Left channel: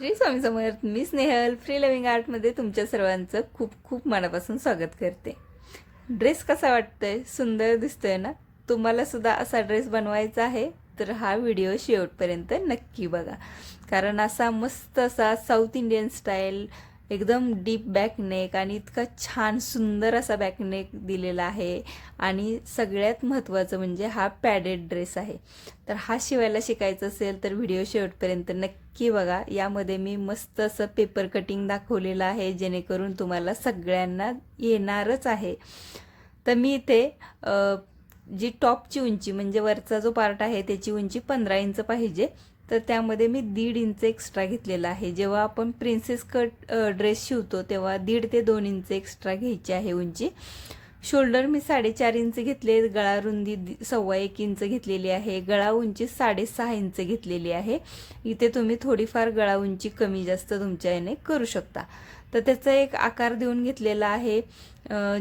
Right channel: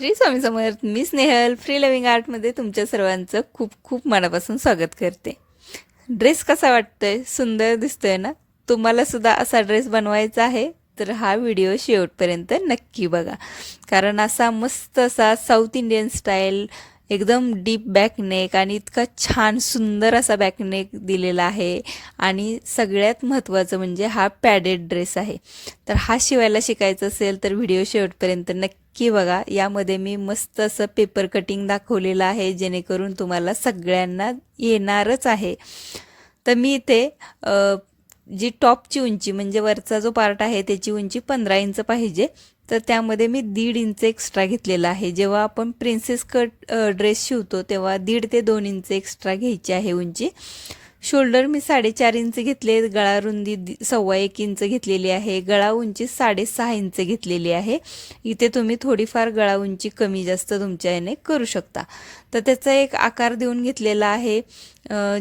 श्री स्वामी समर्थ मी Snehal free living आर्टमध्ये तुमच्या सर्वांचं खूप खूप मनापासून स्वागत करते. ड्रेस कसा वाटतोय? सुंदर दिसतोय ना? तुम्हाला सुद्धा असा ड्रेस बनवायचा आहे तर हा व्हिडिओ शेवटपर्यंत नक्की बघा. कारण असा मस्त असा साऊथ इंडियन स्टाईल एकदम डीप बॅकनेक आणि इतका छान सुंदर असा बॅकनेक दिलेला आहे. आणि सगळ्यात महत्त्वाचं म्हणजे हा पॅडेड ड्रेस आहे. तर हा शिवायला शिकायचा असेल तर व्हिडिओ शेवटपर्यंत नक्की की बघा यामध्ये मी मस्त असं पेपर कटिंग दाखवलेलं आहे जेणेकरून तुम्हाला सगळ्यांना येणारच आहे. तर मी इथे जी टॉपची उंची म्हणजे वरचा जो पार्ट आहे त्याची उंची पंधरा इंच पाहिजे. तर त्यामध्ये मी दीड इंच एक्स्ट्रा घेतलेला आहे. जेव्हा आपण प्रिन्सेस कट ड्रेस शिवतो तेव्हा दीड ते दोन इंच एक्स्ट्रा घ्यायची आहे उंची. शोल्डर मी साडेचार इंच घेतले गळा रुंदी सव्वा एक इंच घेतलेली आहे गळा उंची साडेसहा इंच घेतलेली आहे. इथे तुम्ही थोडीफार गळा उंची कमी जास्त तुमच्या याने करू शकता. तर त्याचा एक आकार देऊन घेतलेला आहे.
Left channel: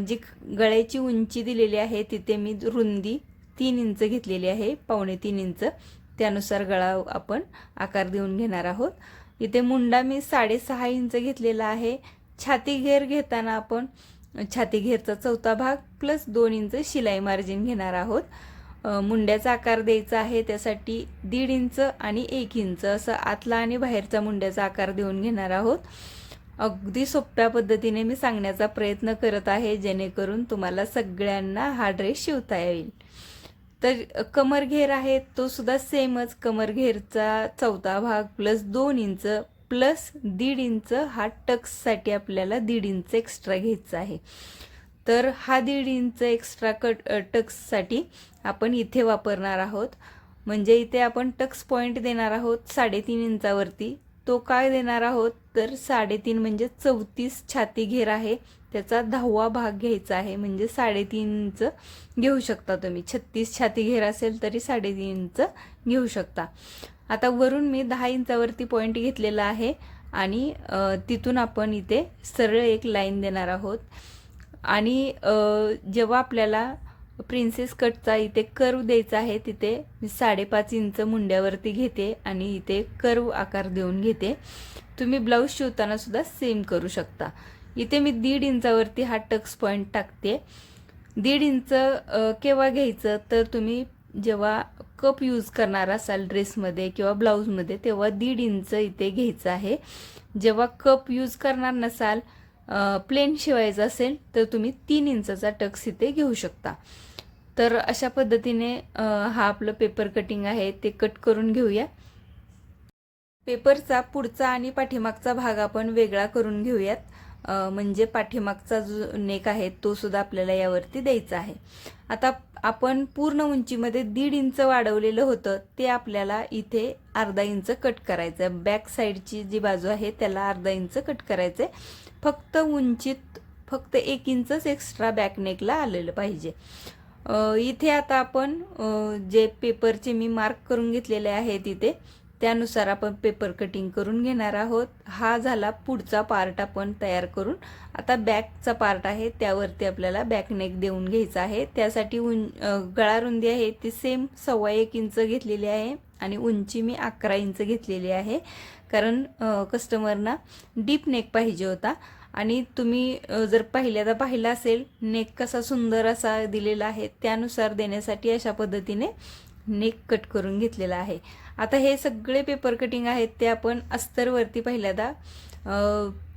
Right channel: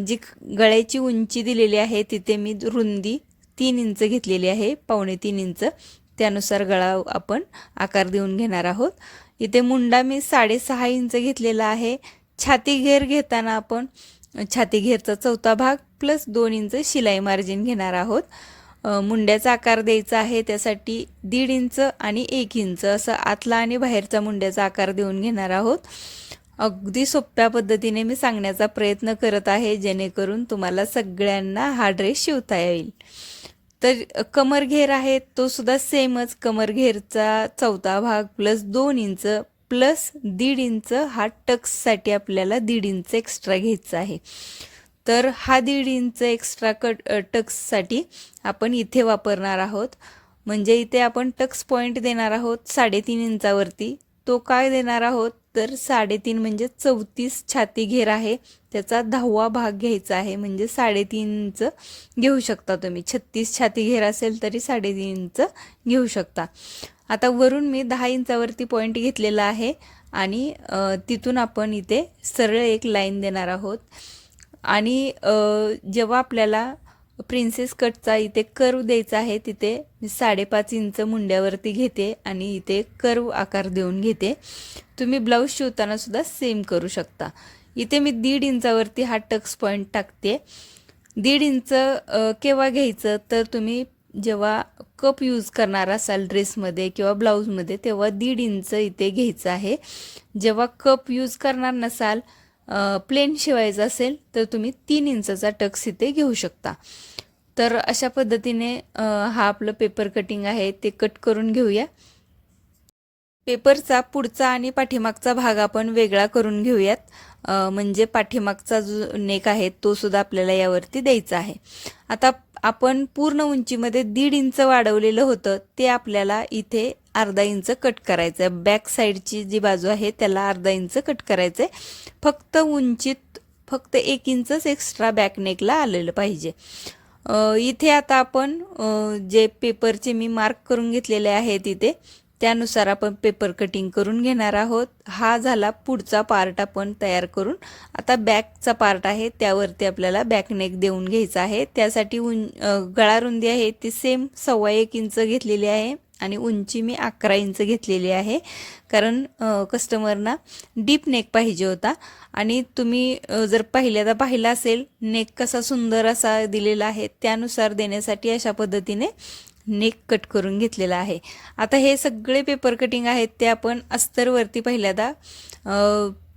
जी गळ्याची उंची दिलेली आहे तिथे मी रुंदी तीन इंच घेतलेली आहे पावणे तीन इंच. त्यानुसार गळा आपण आकार देऊन घेणार आहोत. इथे मुंडा मी साडेसहा इंच घेतलेला आहे. छाती घेर घेताना आपण छाती घेरचा चौथा भाग प्लस दोन इंच शिलाई मार्जिन घेणार आहोत. मुंड्याचा आकार द्यायचा आहे त्यासाठी दीड इंच आणि एक इंच असं आतला आणि बाहेरचा मुंड्याचा आकार देऊन घेणार आहोत. अगदी सोप्या पद्धतीने मी सांगण्याचा प्रयत्न करत आहे जेणेकरून तुम्हाला सगळ्यांना हा ड्रेस शिवता येईल. तर कमर घेर आहे तो सुद्धा सेमच कमर घेरचा चौथा भाग प्लस दोन इंच प्लस दीड इंच हा टक्ससाठी आपल्याला दीड इंच एक्स्ट्रा घ्यायचा आहे. तर हा दीड इंच एक्स्ट्रा कट टक्ससाठी आपण इथे वापरणार आहोत. म्हणजे इथे आपण टक्स पॉईंट देणार आहोत साडेतीन इंचावरती. तो काय देणार आहोत? तर साडेतीन म्हणजे चौतीस छाती घेर आहे. त्याचा दहावा भाग घ्यायचा आहे. म्हणजे साडेतीन इंच घेऊ शकता तुम्ही. छत्तीस छाती घेर असेल तरी साडेतीन इंच घेऊ शकता. आता वरून मी दहा इंचावरती पॉईंट घेतलेला आहे आणि तिथून आपण इथे सरळ एक लाईन देणार आहोत. आणि जेव्हा आपल्याला प्रिन्सेस कटचा इथे कर्व द्यायचा आहे. तिथे मी साडेपाच इंच मुंड्यावरती घेते आणि इथे कर्व आकार देऊन घेते. तुम्ही ब्लाऊज शिवताना सुद्धा सेम करू शकता. इथे मी दीड इंचावरती हा टक्स पॉईंट टाकते. दीड इंच केव्हा घ्यायचं? तर तुम्ही जेव्हा कप यूज करणार असाल ड्रेसमध्ये किंवा ब्लाऊजमध्ये तेव्हा दीड इंच इथे घ्यायचं आहे. जेव्हा कप यूज करणार नसाल प्लेन शिवायचं असेल तर तुम्ही तीन इंचाचा टक्स इथे घेऊ शकता. तर अशा पद्धतीने हा आपलं पेपर कटिंग आहे ते कट करून घेऊया. पेपरचा पुढचा आणि पाठीमागचा भाग आपण वेगळा करून घेऊयात. म्हणजे पाठीमागचा जो नेक आहे तो सुद्धा आपल्याला यावरती द्यायचा आहे. आता आपण पूर्ण उंचीमध्ये दीड इंच वाढवलेलं होतं ते आपल्याला इथे अर्धा इंच कट करायचं आहे बॅक साईडची जी बाजू आहे त्याला अर्धा इंच कट करायचं आहे फक्त उंचीत फक्त एक इंचच एक्स्ट्रा बॅकनेकला आलेलं पाहिजे. इथे आता आपण जे पेपरचे मी मार्क करून घेतलेले आहेत इथे त्यानुसार आपण पेपर कटिंग करून घेणार आहोत. हा झाला पुढचा पार्ट आपण तयार करून. आता बॅकचा पार्ट आहे त्यावरती आपल्याला बॅक नेक देऊन घ्यायचा आहे. त्यासाठी उं गळा रुंदी आहे ती सेम सव्वा एक इंच घेतलेली आहे आणि उंची मी अकरा इंच घेतलेली आहे. कारण कस्टमरना डीप नेक पाहिजे होता. आणि तुम्ही जर पहिल्यांदा पाहिला असेल नेक कसा सुंदर असा दिलेला आहे त्यानुसार देण्यासाठी अशा पद्धतीने नेक कट करून घेतलेला आहे. आता हे सगळे पेपर कटिंग आहेत ते आपण अस्तरवरती पहिल्यांदा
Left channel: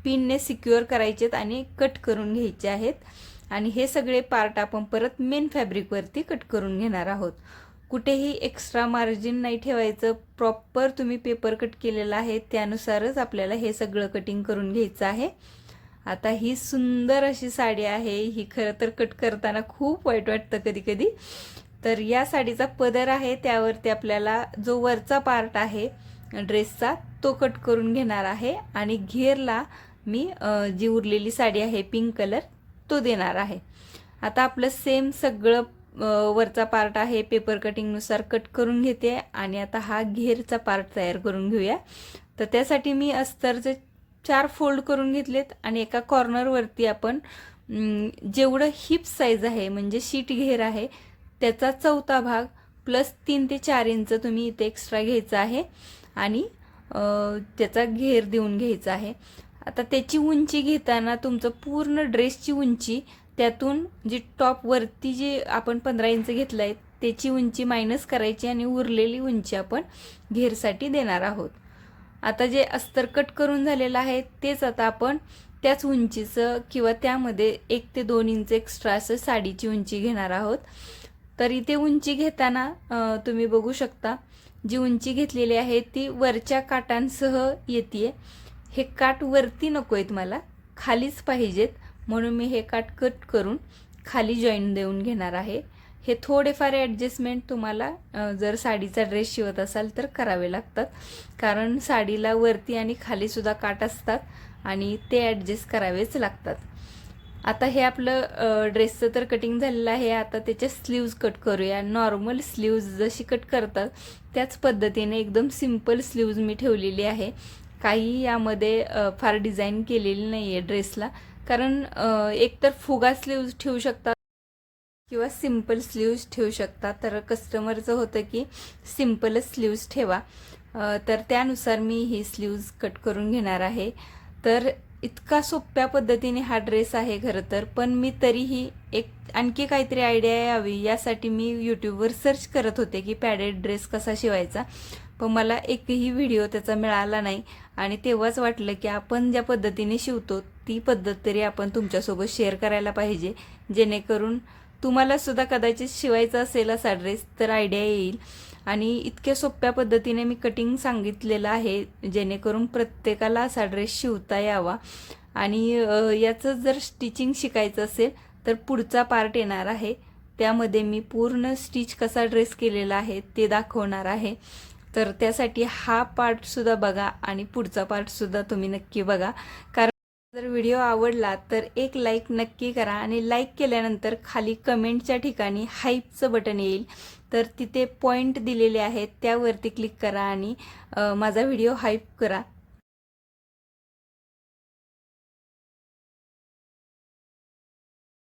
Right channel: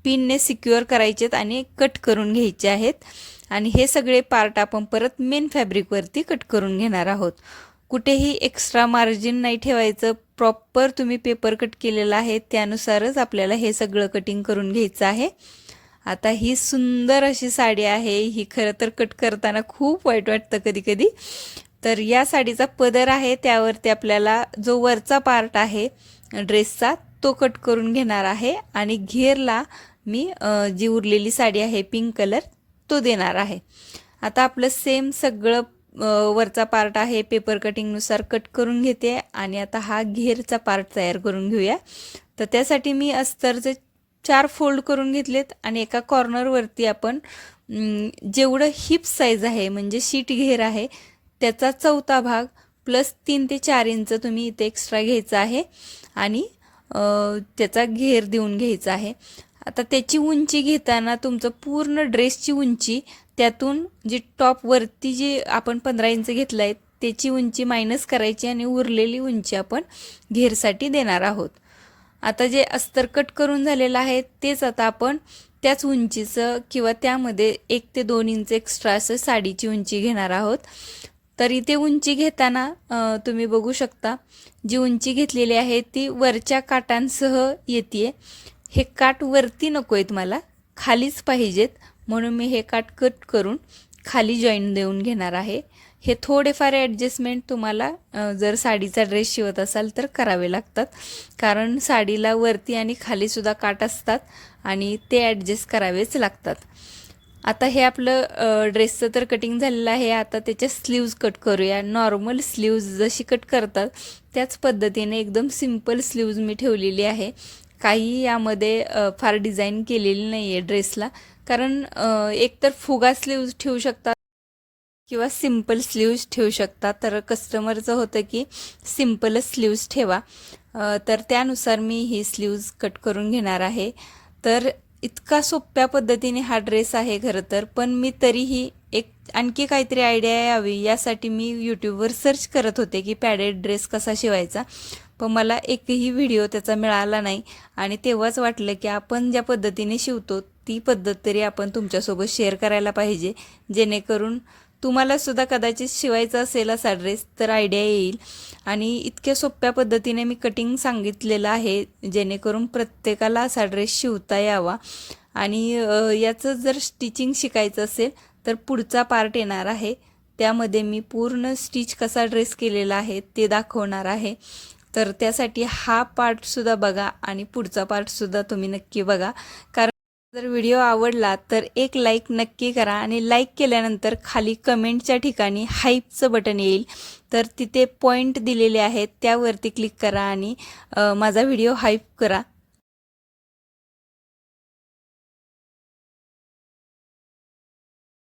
पिनने सिक्युअर करायचेत आणि कट करून घ्यायचे आहेत. आणि हे सगळे पार्ट आपण परत मेन फॅब्रिकवरती कट करून घेणार आहोत. कुठेही एक्स्ट्रा मार्जिन नाही ठेवायचं. प्रॉपर तुम्ही पेपर कट केलेला आहे त्यानुसारच आपल्याला हे सगळं कटिंग करून घ्यायचं आहे. आता ही सुंदर अशी साडी आहे. ही खरं तर कट करताना खूप वाईट वाटतं कधी कधी. तर या साडीचा पदर आहे त्यावरती आपल्याला जो वरचा पार्ट आहे ड्रेसचा तो कट करून घेणार आहे आणि घेरला मी जी उरलेली साडी आहे पिंक कलर तो देणार आहे. आता आपलं सेम सगळं वरचा पार्ट आहे पेपर कटिंगनुसार कट करून घेते आणि आता हा घेरचा पार्ट तयार करून घेऊया. तर त्यासाठी मी अस्तरचे चार फोल्ड करून घेतलेत आणि एका कॉर्नरवरती आपण जेवढं हिप साईज आहे म्हणजे शीट घेर आहे त्याचा चौथा भाग प्लस तीन ते चार इंच तुम्ही इथे एक्स्ट्रा घ्यायचा आहे. आणि त्याचा घेर देऊन घ्यायचा आहे. आता त्याची उंची घेताना तुमचं पूर्ण ड्रेसची उंची त्यातून जी टॉपवरती जी आपण पंधरा इंच घेतलं आहे त्याची उंची मायनस करायची आणि उरलेली उंची आपण घेरसाठी देणार आहोत. आता जे अस्तर कट करून झालेलं आहे तेच आता आपण त्याच उंचीचं किंवा त्यामध्ये एक ते दोन इंच एक्स्ट्रा असं साडीची उंची घेणार आहोत. तर इथे उंची घेताना तुम्ही बघू शकता. जी उंची घेतलेली आहे ती वरच्या काटांसह येते हे काट वरती नको आहेत मला खालीच पाहिजेत. म्हणून मी हे काट कट करून खाली जॉईन देऊन घेणार आहे. हे थोडेफार ॲडजस्टमेंट तुम्हाला जर साडीचा ड्रेस शिवत असाल तर करावे लागतात. कारण साडीला वरती आणि खालीसुद्धा काट असतात आणि ते ॲडजस्ट करावेच लागतात. आता हे आपलं ड्रेसचं तर कटिंग झालेलं आहे. आता त्याच्या स्लीव्ज कट करूया. नॉर्मल स्लीव्ज जशी कट करतात त्याच पद्धतीने एकदम सिंपल स्लीव्ज मी ठेवलेली आहे. काही यामध्ये फार डिझाईन केलेली नाही आहे ड्रेसला कारण एकतर फुगा स्लीव्ज ठेवू शकतात किंवा सिंपल स्लीव्ज ठेवू शकता तर कस्टमरचं होतं की सिम्पलच स्लीव्ज ठेवा. तर त्यानुसार मी ही स्लीव्ज कट करून घेणार आहे. तर इतका सोप्या पद्धतीने हा ड्रेस आहे खरं तर पण मी तरीही एक आणखी काहीतरी आयडिया यावी यासाठी मी यूट्यूबवर सर्च करत होते की पॅडेड ड्रेस कसा शिवायचा. पण मला एकही व्हिडिओ त्याचा मिळाला नाही आणि तेव्हाच वाटलं की आपण ज्या पद्धतीने शिवतो ती पद्धत तरी आपण तुमच्यासोबत शेअर करायला पाहिजे जेणेकरून तुम्हाला सुद्धा कदाचित शिवायचा असेल असा ड्रेस तर आयडिया येईल. आणि इतक्या सोप्या पद्धतीने मी कटिंग सांगितलेलं आहे जेणेकरून प्रत्येकाला असा ड्रेस शिवता यावा. आणि याचं जर स्टिचिंग शिकायचं असेल तर पुढचा पार्ट येणार आहे. त्यामध्ये मी पूर्ण स्टिच कसा ड्रेस केलेला आहे ते दाखवणार आहे. तर त्यासाठी हा पार्टसुद्धा बघा आणि पुढचा पार्टसुद्धा तुम्ही नक्की बघा. कारण जर व्हिडिओ आवडला तर एक लाईक नक्की करा आणि लाईक केल्यानंतर खाली कमेंटच्या ठिकाणी हाईपचं बटन येईल. तर तिथे पॉईंट दिलेले आहेत त्यावरती क्लिक करा आणि माझा व्हिडिओ हाईप करा.